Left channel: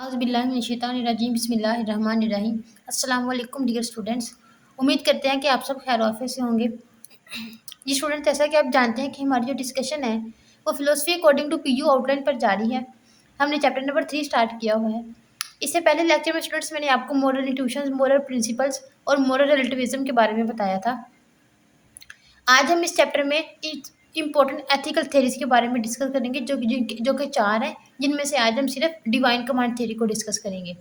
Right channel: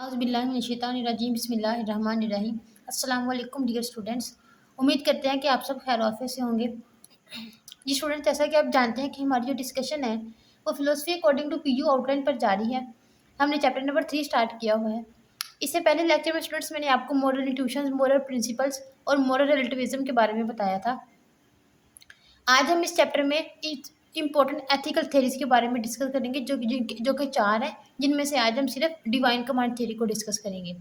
औज़ुबिल्लाहिमिनश्शैतानिर्रजीम बिस्मिल्लाहिर्रहमानिर्रहीम। अस्सलाम वालेकुम डियर स्टूडेंट्स। उम्मीद करते हैं कि आप सब खैर आफियत से होंगे। जी स्टूडेंट, जैसा कि आप जानते हैं कि हमारी जो डिस्कशन है वो philosophy according to PU outline पर जारी है। हमने चैप्टर नंबर 3 स्टार्ट किया हुआ है। इससे पहले लेक्चर में स्टूडेंट्स मैंने आपको मोरल इंट्यूशंस, मोरल प्रिंसिपल्स और मोरल रिलेटिविज्म के बारे में बताया था। आज हम इस चैप्टर में इम्पोर्टेंट एथिकल थ्योरीज के बारे में डिस्कस करेंगे, जो कि 4 हैं, जिनमें से आज हम सिर्फ डिवाइन कमांड थ्योरी को डिस्कस करेंगे।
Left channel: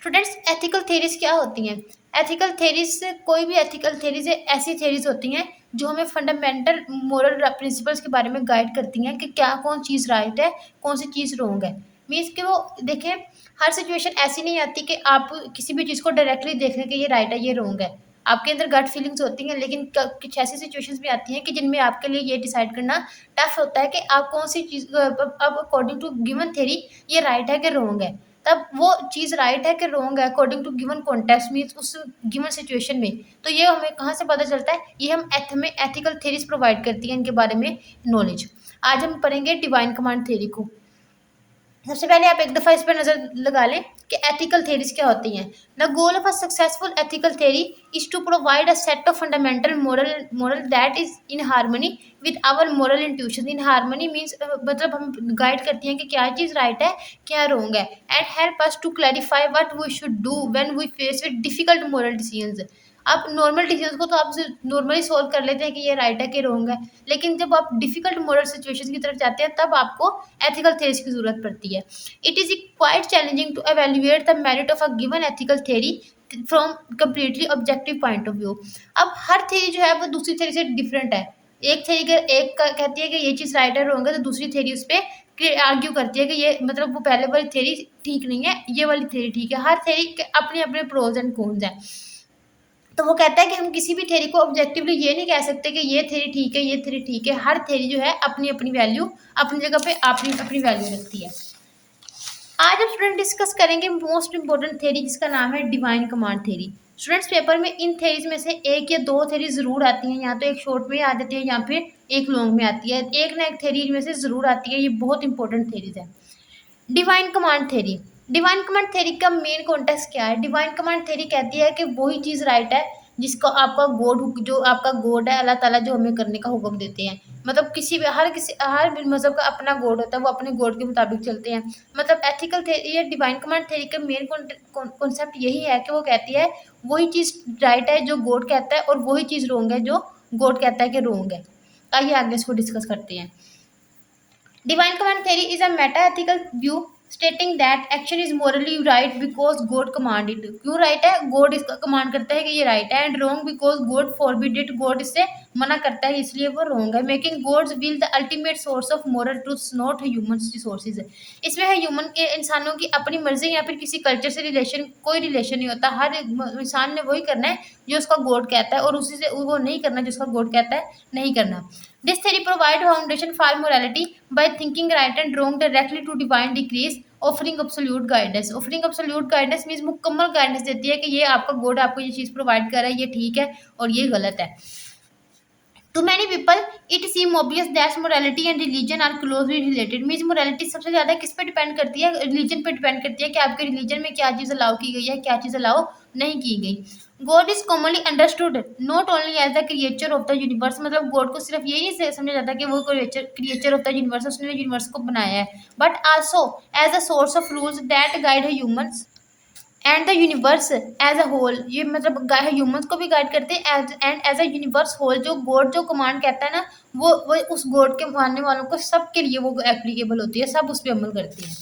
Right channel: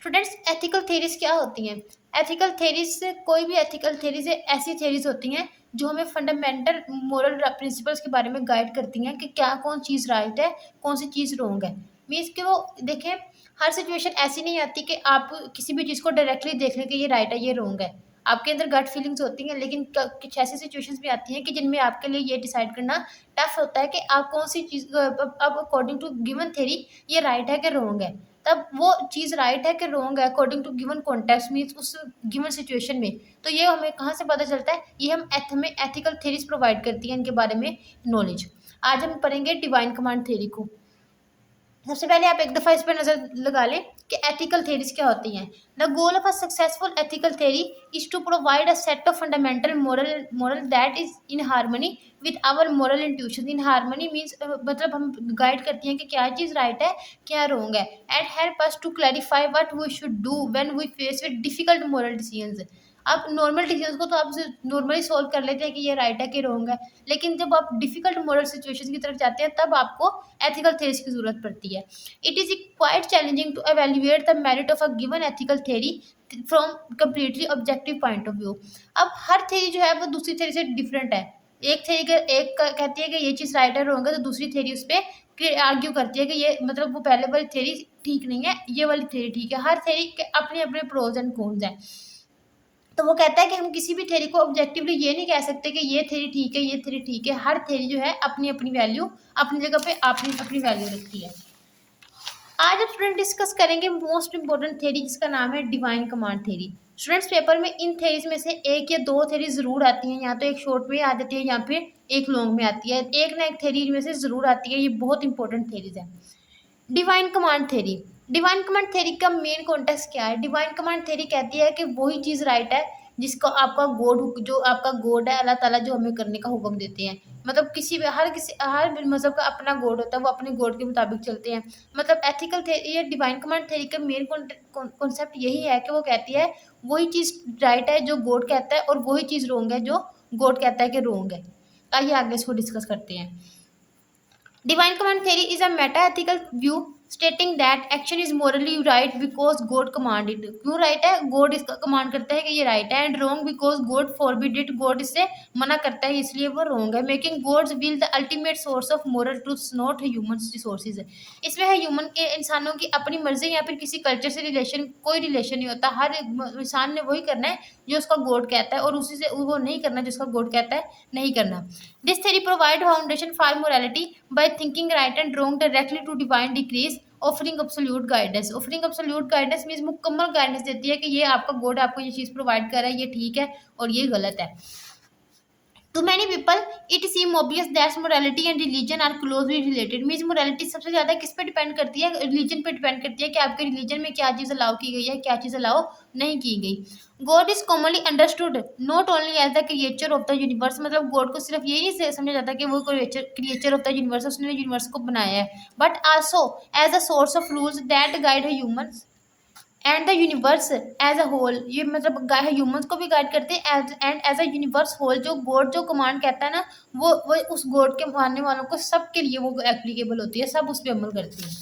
स्टूडेंट्स, एथिकल थ्योरीज क्या होती हैं? एथिकल थ्योरीज, कोई भी एथिकल थ्योरीज ऐसी थ्योरीज होती हैं जो हमें फंडामेंटल मोरल प्रिंसिपल्स के बारे में गाइड करती हैं कि क्या कौन चीज़ राइट है, कौन सी चीज़ रॉन्ग है। मीन्स कि वो देखें, हर सिचुएशन ऐसी नहीं आती कि आप किसी भी चीज़ को डायरेक्टली देख लें कि ये राइट है, ये रॉन्ग है। आपके अंदर गट फीलिंग्स होती हैं, लेकिन कुछ ऐसी सिचुएशंस भी आती हैं कि जिनमें आपके लिए ये डिसाइड करना टफ होता है कि आप कौन सी चीज़ अब अकॉर्डिंग टू गिवन थ्योरी ये राइट है कि रॉन्ग है। तब वो चीज़ राइट है कि रॉन्ग है according to given context, means उस गिवन सिचुएशन में। तो ये हमें कहाँ से पता चलता है? ये हमें एथिकल थ्योरीज प्रोवाइड करती हैं इनके बारे में नॉलेज। आज हम पढ़ेंगे डिवाइन कमांड थ्योरी को। सबसे पहले आप एक दफ़ा इस पर नज़र लगा लें कि एथिकल थ्योरीज क्या होती हैं। The goal of a successful ethical theory is to provide a set of fundamental moral that is in harmony with our moral intuition. In harmony means मतलब हम गाइड करती हैं कि क्या चीज़ राइट है, क्या रॉन्ग है, and help us to clarify what we should do when we face with difficult moral decisions. आप नॉर्मल डिसीजंस को तो आप नॉर्मली सॉल्व कर लेते हैं कि ये राइट है कि रॉन्ग है, लेकिन जब आप डिफिकल्ट मोरल सिचुएशन की तरफ जाते हैं तब आपको एथिकल थ्योरीज की जरूरत पड़ती है। It is quite challenging to evaluate the merit of a given ethical theory from completely objective point of view. अब हर थ्योरी जो है वो दूसरी थ्योरी से डिफरेंट है। एक थ्योरी कहती है कि ये चीज़ राइट है रॉन्ग है, तो दूसरी थ्योरी उस पर आर्ग्यू करती है कि ये मतलब वो पहले वाली थ्योरी ठीक नहीं है, ये वाली थ्योरी ठीक है। हर थ्योरी के अपने अपने प्रोज एंड कॉन्स हैं। तो वो कहता है कि हम किसी भी थ्योरी को ऑब्जेक्टिवली ये नहीं कह सकते कि ये थ्योरी ठीक है, ये थ्योरी ठीक है। हर थ्योरी जो है अपनी अपनी वैल्यू, अपनी जगह पे अपनी अपनी वैल्यू रखती है। आज हम स्टूडेंट डिस्कस करेंगे मोस्ट इंपॉर्टेंट थ्योरी, जिसका नाम है divine command theory. Students, paper में इन थ्योरीज में से एक या दो थ्योरी जरूर आती हैं, या तो एक शॉर्ट में आ जाती है या फिर एक लॉन्ग में आती है। एक ना एक थ्योरी में से जरूर आती है, ये बहुत इंपॉर्टेंट थ्योरीज है। Divine command theory. Divine command theory का मेन कॉन्टेक्स्ट क्या है? डिवाइन कमांड थ्योरी कहती है कि वही चीज़ राइट है जिसको आपका गॉड, जो आपका गॉड है अल्लाह ताला, जो हमें करने का हुक्म देते हैं। मतलब हर मजहब का अपना गॉड होता है, वो अपने गॉड के मुताबिक चलते हैं। मतलब एथिकल थ्योरी या डिवाइन कमांड थ्योरी का मेन कॉन्सेप्ट यही है कि वो कहती है वही चीज़ राइट है जो गॉड कहता है, और वही चीज़ रॉन्ग है जो गॉड कहता है कि रॉन्ग है। आइए आगे इसको डिस्कस करते हैं। Divine command theory is a meta-ethical view stating that action is morally right because God commanded it. क्यों right है? God इसका command करता है कि ये right है, and wrong because God forbid it. God इससे मना करता है, इसलिए वो wrong है। Making God's will the ultimate source of moral truths, not human resources. इसमें है ह्यूमन के, इंसानों की अपनी मर्जी या फिर किसी कल्चर से रिलेशन, कोई रिलेशन नहीं होता। हर इंसान ने वही करना है जो उसका गॉड कहता है, और उसी से वो नहीं करना जो उसका गॉड कहता है नहीं करना। This theory provides foundation for morality by thinking right and wrong directly to divine decrees, offering absolute guidance. Offering absolute guidance means मुकम्मल गाइडेंस देती है कि ये आपका गॉड आपको ये चीज़ प्रोवाइड कर रहा है, ये ठीक है और ये गलत है। To many people, it seems obvious that morality and religion are closely related. Means morality सबसे ज़्यादा किस पे डिपेंड करती है? रिलीजन पे डिपेंड करती है कि आपके रिलीजन में क्या चीज़ अलाउ की गई है, क्या चीज़ अलाउ नहीं की गई। God is commonly understood not only as the creature of the universe. मतलब गॉड को सिर्फ यही नहीं समझा जाता कि वो क्रिएचर ऑफ द यूनिवर्स, उसने यूनिवर्स को बनाया है, but also as a source of rules that guide humans and the universe as a whole. ये मतलब ह्यूमंस को भी गाइड करते हैं and as a universe whole. जो गॉड जो कमांड कहता है ना, वो उस गॉड के मानने वालों को सबके लिए वो एप्लीकेबल होती है, सब उस पर अमल करते हैं।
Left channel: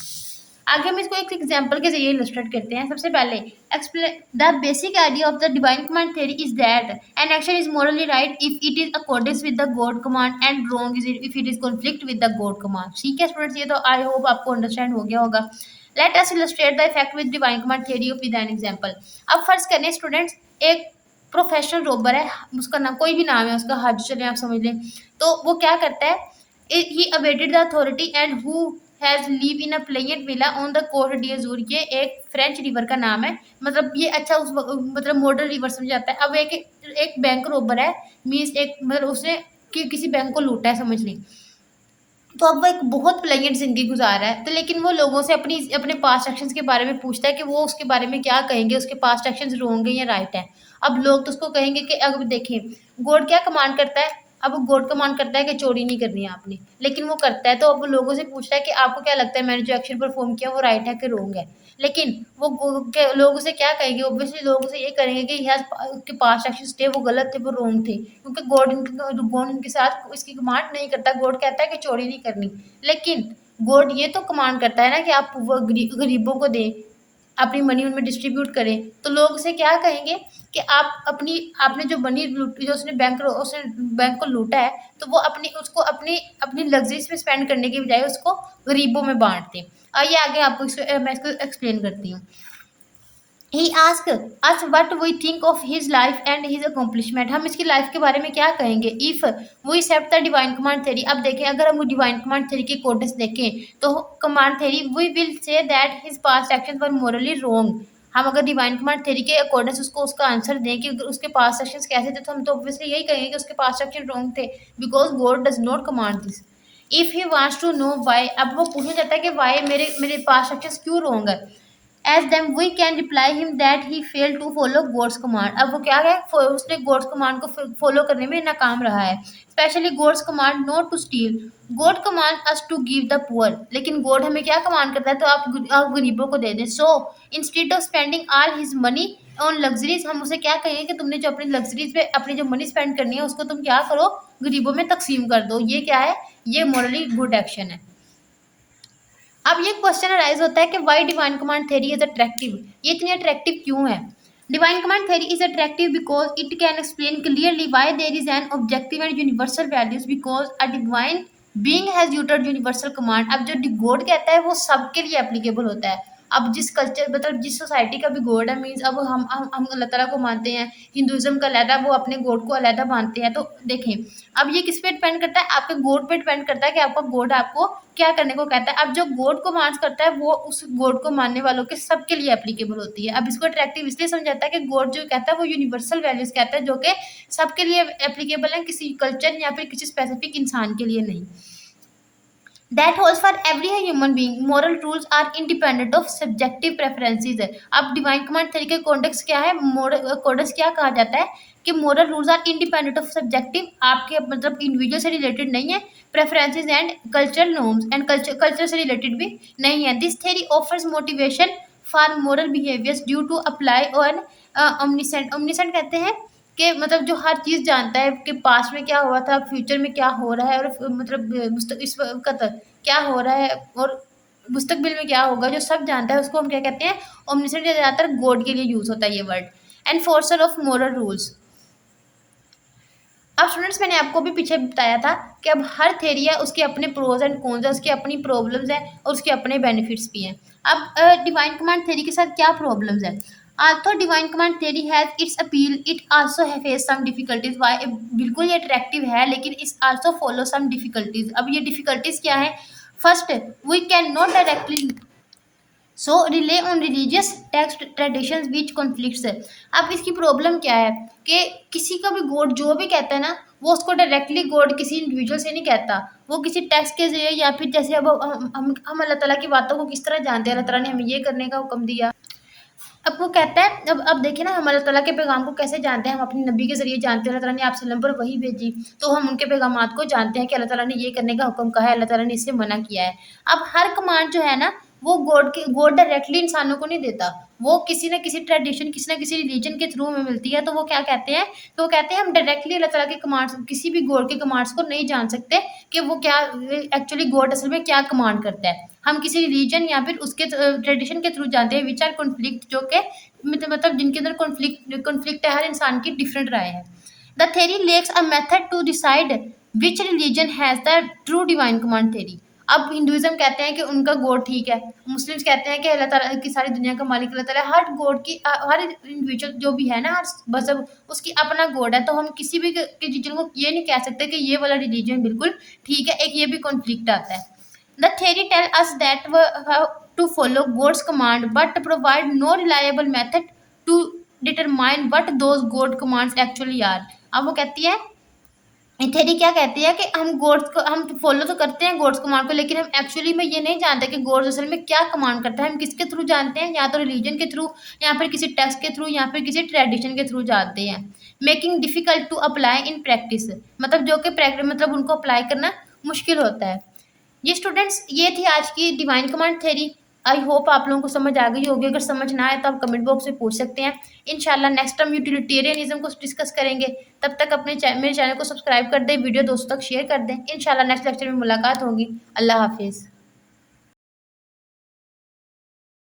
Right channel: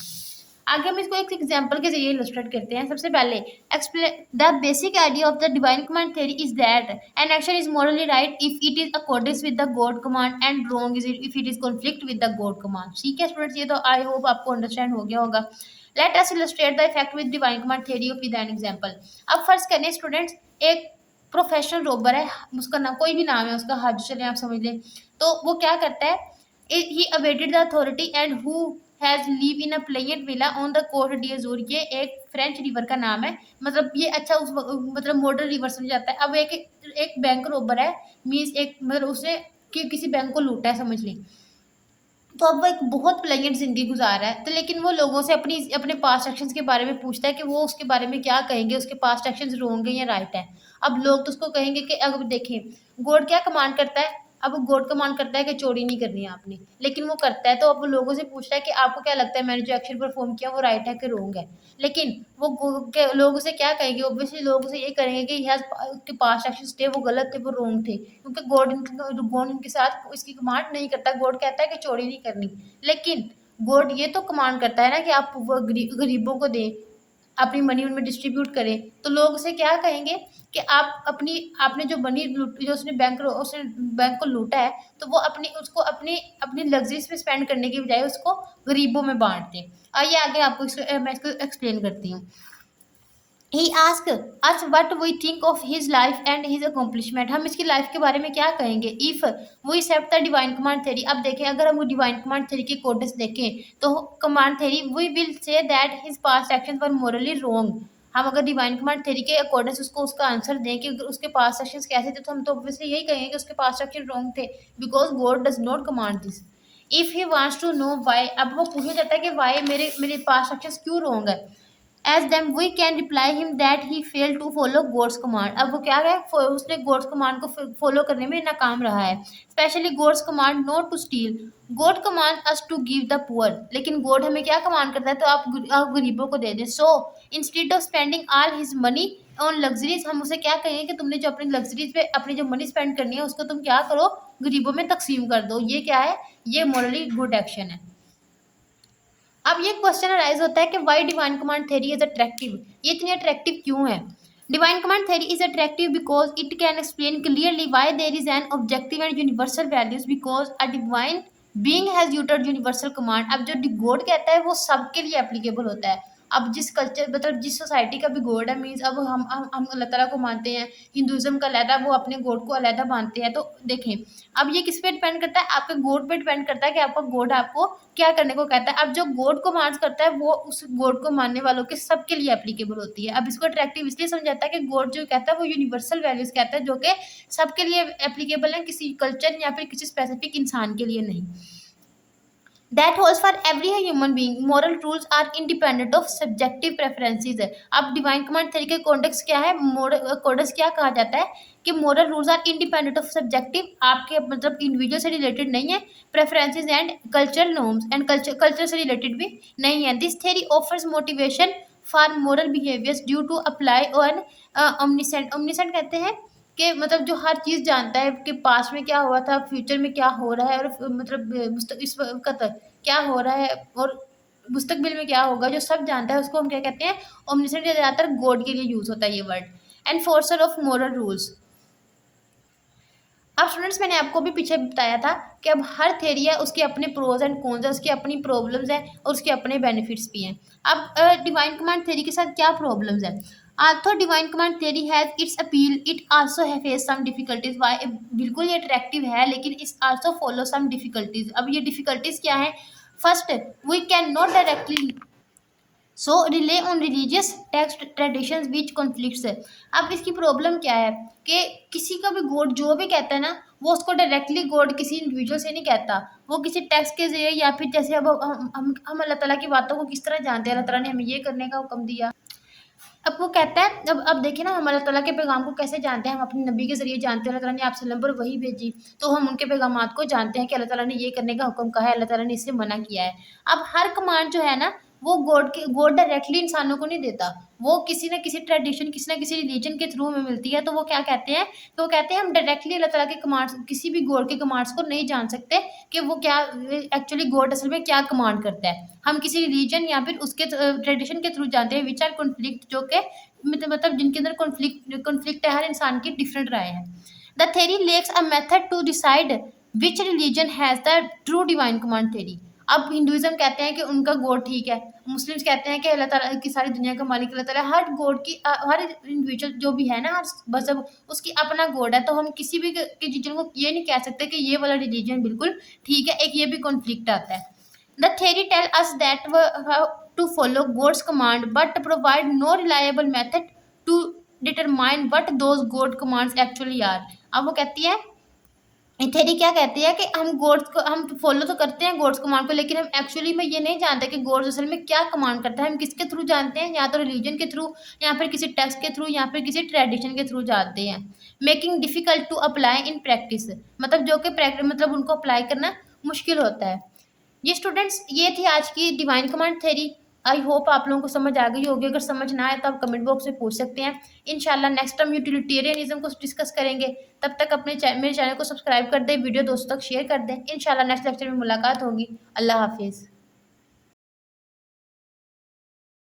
आगे हम इसको एक एग्जांपल के जरिए इलस्ट्रेट करते हैं। सबसे पहले explain the basic idea of the divine command theory is that an action is Morli right if it is accordance with the God command and wrong is if it is conflict with the God command. ठीक है students, ये तो I hope आपको understand हो गया होगा। Let us illustrate the effect with divine command theory with an example. अब फर्ज करें स्टूडेंट्स, एक प्रोफेशनल रोबर है, उसका नाम कोई भी नाम है उसका, हज चले आप समझ लें। तो वो क्या करता है? He awaited the authority and who has live in a pleasant villa on the coast d'Azur. ये एक फ्रेंच रिवर का नाम है। मतलब ये अच्छा उस मतलब मॉडर्न रिवर समझ जाता है। अब एक बैंक रोबर है, मीन्स एक मतलब उसने किसी बैंक को लूटा है समझ लें। तो अब वो एक बहुत प्लेजेंट ज़िंदगी गुज़ार रहा है, तो लेकिन वो लोगों से अपने पास्ट एक्शंस के बारे में पूछता है कि वो उसके बारे में क्या कहेंगे, उसके पास्ट एक्शंस रॉन्ग है या राइट है। अब लोग तो उसको कहेंगे कि अब देखिए, गॉड क्या कमांड करता है, अब गॉड कमांड करता है कि चोरी नहीं करनी है आपने, लेकिन वो करता है, तो अब वो लोगों से पूछ रहा है कि आपको क्या लगता है मैंने जो एक्शन परफ़ॉर्म किया वो राइट है कि रॉन्ग है? लेकिन वो लोग उसे क्या कहेंगे, ऑब्वियसली लोग उसे ये करेंगे कि उसके पास्ट एक्शंस थे वो गलत थे, वो रॉन्ग थे, क्योंकि गॉड उनके साथ इसकी कमांड नहीं करता। गॉड कहता है कि चोरी नहीं करनी, लेकिन गॉड ये तो कमांड करता है ना कि आप वो गरीबों को दें, अपनी मनी उनमें डिस्ट्रीब्यूट करें। तो लोग उसे क्या कहेंगे कि आपने जो मनी जो उसने बैंक को लूटा है, तो वो अपनी अपनी लग्जरीज में स्पेंड करने की बजाय उसको गरीबों में बांट दें। आइए आगे आपको मैं इसको एक्सप्लेन करती हूँ। He ask us what we think of his life and his accomplishment. हम इसकी लाइफ के बारे में क्या कहेंगे if we accept the divine command theory. अब देखें, अगर हम डिवाइन कमांड थ्योरी के कोडेक्स देखें तो command theory we will say that his past action were morally wrong. हम अगर डिवाइन कमांड थ्योरी के अकॉर्डिंग उसको उसका आंसर दें कि उसके पास्ट एक्शंस कैसे थे, तो हम तो ऑब्वियसली यही कहेंगे कि उसके पास्ट एक्शन रॉन्ग थे, because God does not command this. If he wants to know why, अब वो पूछना चाहता है कि व्हाई मेरे मेरे पास्ट एक्शंस क्यों रॉन्ग है। As them we can reply him that he fail to follow God's command. अब वो क्या है, उसने गॉड्स कमांड को फॉलो करने में नाकाम रहा है। Specially God's command not to steal, God command us to give the poor. लेकिन गॉड हमें क्या कमांड करता है, तो आप गरीबों को दे दें। So instead of spending all his money on luxuries, हम उसे क्या कहेंगे कि तुमने जो अपनी लग्जरीज पे अपनी जो मनी स्पेंड करनी है उसको तुम क्या करो, गरीबों में तकसीम कर दो। ये क्या है, ये मॉरली गुड एक्शन है। अब ये क्वेश्चन अराइज होता है कि why divine command theory is attractive, ये इतनी अट्रैक्टिव क्यों है। Divine command theory is attractive because it can explain clearly why there is an objective and universal values, because a divine being has uttered universal command. अब जो God कहता है वो सबके लिए एप्लीकेबल होता है। अब जिस कल्चर मतलब जिस सोसाइटी का भी गॉड है, मीन्स अब हम अल्लाह ताला को मानते हैं, हिंदुइज्म का अलहदा वो अपने गॉड को अलहदा मानते हैं। तो देखें, अब ये किस पे डिपेंड करता है, आपके गॉड पे डिपेंड करता है कि आपका गॉड आपको क्या करने को कहता है। अब जो गॉड को मांस करता है वो उस गॉड को मानने वालों के सबके लिए एप्लीकेबल होती है। अब इसको अट्रैक्टिव इसलिए समझाता है कि गॉड जो कहता है वो यूनिवर्सल वैल्यूज कहता है, जो कि सबके लिए एप्लीकेबल है, किसी कल्चर या फिर किसी स्पेसिफिक इंसान के लिए नहीं। That holds for every human being. Moral rules are independent of subjective preferences. अब डिवाइन कमांड थ्योरी के कॉन्टेक्स्ट क्या है, मोरल कॉन्टेक्स्ट क्या कहा जाता है कि moral rules are independent of subjective, आपके मतलब इंडिविजुअल से रिलेटेड नहीं है, preferences and cultural norms and culture से रिलेटेड भी नहीं है। This theory offers motivation for moral behaviours due to apply on omniscient. Omniscient कहते हैं कि मतलब जो हर चीज़ जानता है कि पास्ट में क्या हुआ था, फ्यूचर में क्या हो रहा है, और मतलब इस वक्त तक क्या हो रहा है और मुस्तकबिल में क्या होगा, जो सब जानता है उसको हम क्या कहते हैं, ओमनिसेंट। ज़्यादातर गॉड के लिए यूज़ होता है ये word. Enforcer of moral rules. अब स्टूडेंट्स, मैंने आपको भी पीछे बताया था कि अब हर थ्योरी है उसके अपने प्रोज एंड कॉन्स है, उसकी अपनी प्रॉब्लम्स है और उसके अपने बेनिफिट्स भी हैं। अब डिवाइन कमांड थ्योरी के साथ क्या प्रॉब्लम्स है। Although divine command theory has its appeal, it also है फेस सम डिफिकल्टीज। वाई, बिल्कुल ये अट्रैक्टिव है, लेकिन it's also follow some difficulties. अब ये डिफिकल्टीज क्या है। First, we can not directly so rely on religious text traditions which conflicts है। अब इसकी प्रॉब्लम क्या है कि किसी का भी गॉड जो भी कहता है ना, वो उसको डायरेक्टली गॉड किसी इंडिविजुअल से नहीं कहता, वो किसी टेक्स्ट के जरिए या फिर जैसे अब हम अल्लाह ताला की बातों को किस तरह जानते हैं, अल्लाह ताला ने हमें ये करने का हुक्म दिया। अब वो कहता है, अब देखिए ना, हम अल्लाह ताला के पैगाम को कैसे जानते हैं, हम अपने नबी के ज़रिए जानते हैं। अल्लाह ताला ने आप सल्लम पर वही भेजी, तो हम उनके पैगामात को जानते हैं कि अल्लाह ताला ने ये करने का हुक्म कहा है, अल्लाह ताला ने इससे मना किया है। अब हर कमांड जो है ना, वो गॉड डायरेक्टली इंसानों को नहीं देता, वो किसी न किसी ट्रेडिशन, किसी न किसी रिलीजन के थ्रू हमें मिलती है। तो वो क्या कहते हैं, तो वो कहते हैं हम डायरेक्टली अल्लाह ताला के कमांड्स, किसी भी गॉड के कमांड्स को नहीं जान सकते कि वो क्या एक्चुअली गॉड असल में क्या कमांड करता है। हम किसी रिलीजन या फिर उसके ट्रेडिशन के थ्रू जानते हैं, विच आर कॉन्फ्लिक्ट, जो कि मतलब जिनके अंदर कॉन्फ्लिक्ट है, हर इंसान की डिफरेंट राय है। The theory lacks a method to decide which religion has the true divine command theory. अब हिंदुइज्म कहते हैं कि उनका गॉड ठीक है, मुस्लिम्स कहते हैं कि अल्लाह ताला की सारी दुनिया का मालिक अल्लाह ताला है। हर गॉड की हर इंडिविजुअल जो भी है ना, हर मजहब उसकी अपना गॉड है। तो हम किसी भी रिलीजन को ये नहीं कह सकते कि ये वाला रिलीजन बिल्कुल ठीक है, एक ये भी कॉन्फ्लिक्ट आता है। The theory tell us that we have to follow God's command, but provide no reliable method to determine what those God commands actually are. अब वो कहती है थ्योरी क्या कहती है कि हम गॉड्स को हम फॉलो तो करते हैं गॉड्स कमांड को, लेकिन हम एक्चुअली में ये नहीं जानते कि गॉड्स असल में क्या कमांड करता है। हम किसके थ्रू जानते हैं, या तो रिलीजन के थ्रू, या फिर किसी टेक्स्ट के थ्रू, या फिर किसी ट्रेडिशन के थ्रू जानते हैं। Making difficult to apply in practice, मतलब जो कि प्रैक्टिस मतलब उनको अप्लाई करना मुश्किल होता है। ये स्टूडेंट्स ये थी आज की divine command theory. I hope आप लोगों को समझ आ गई होगी। अगर समझ ना आए तो आप कमेंट बॉक्स में पूछ सकते हैं। इंशाल्लाह नेक्स्ट टाइम यूटिलिटेरियनिज्म को डिस्कस करेंगे। तब तक अपने मेरे चैनल को सब्सक्राइब कर दें, वीडियो दोस्तों तक शेयर कर दें। इंशाल्लाह नेक्स्ट लेक्चर में मुलाकात होगी। अल्लाह हाफिज़।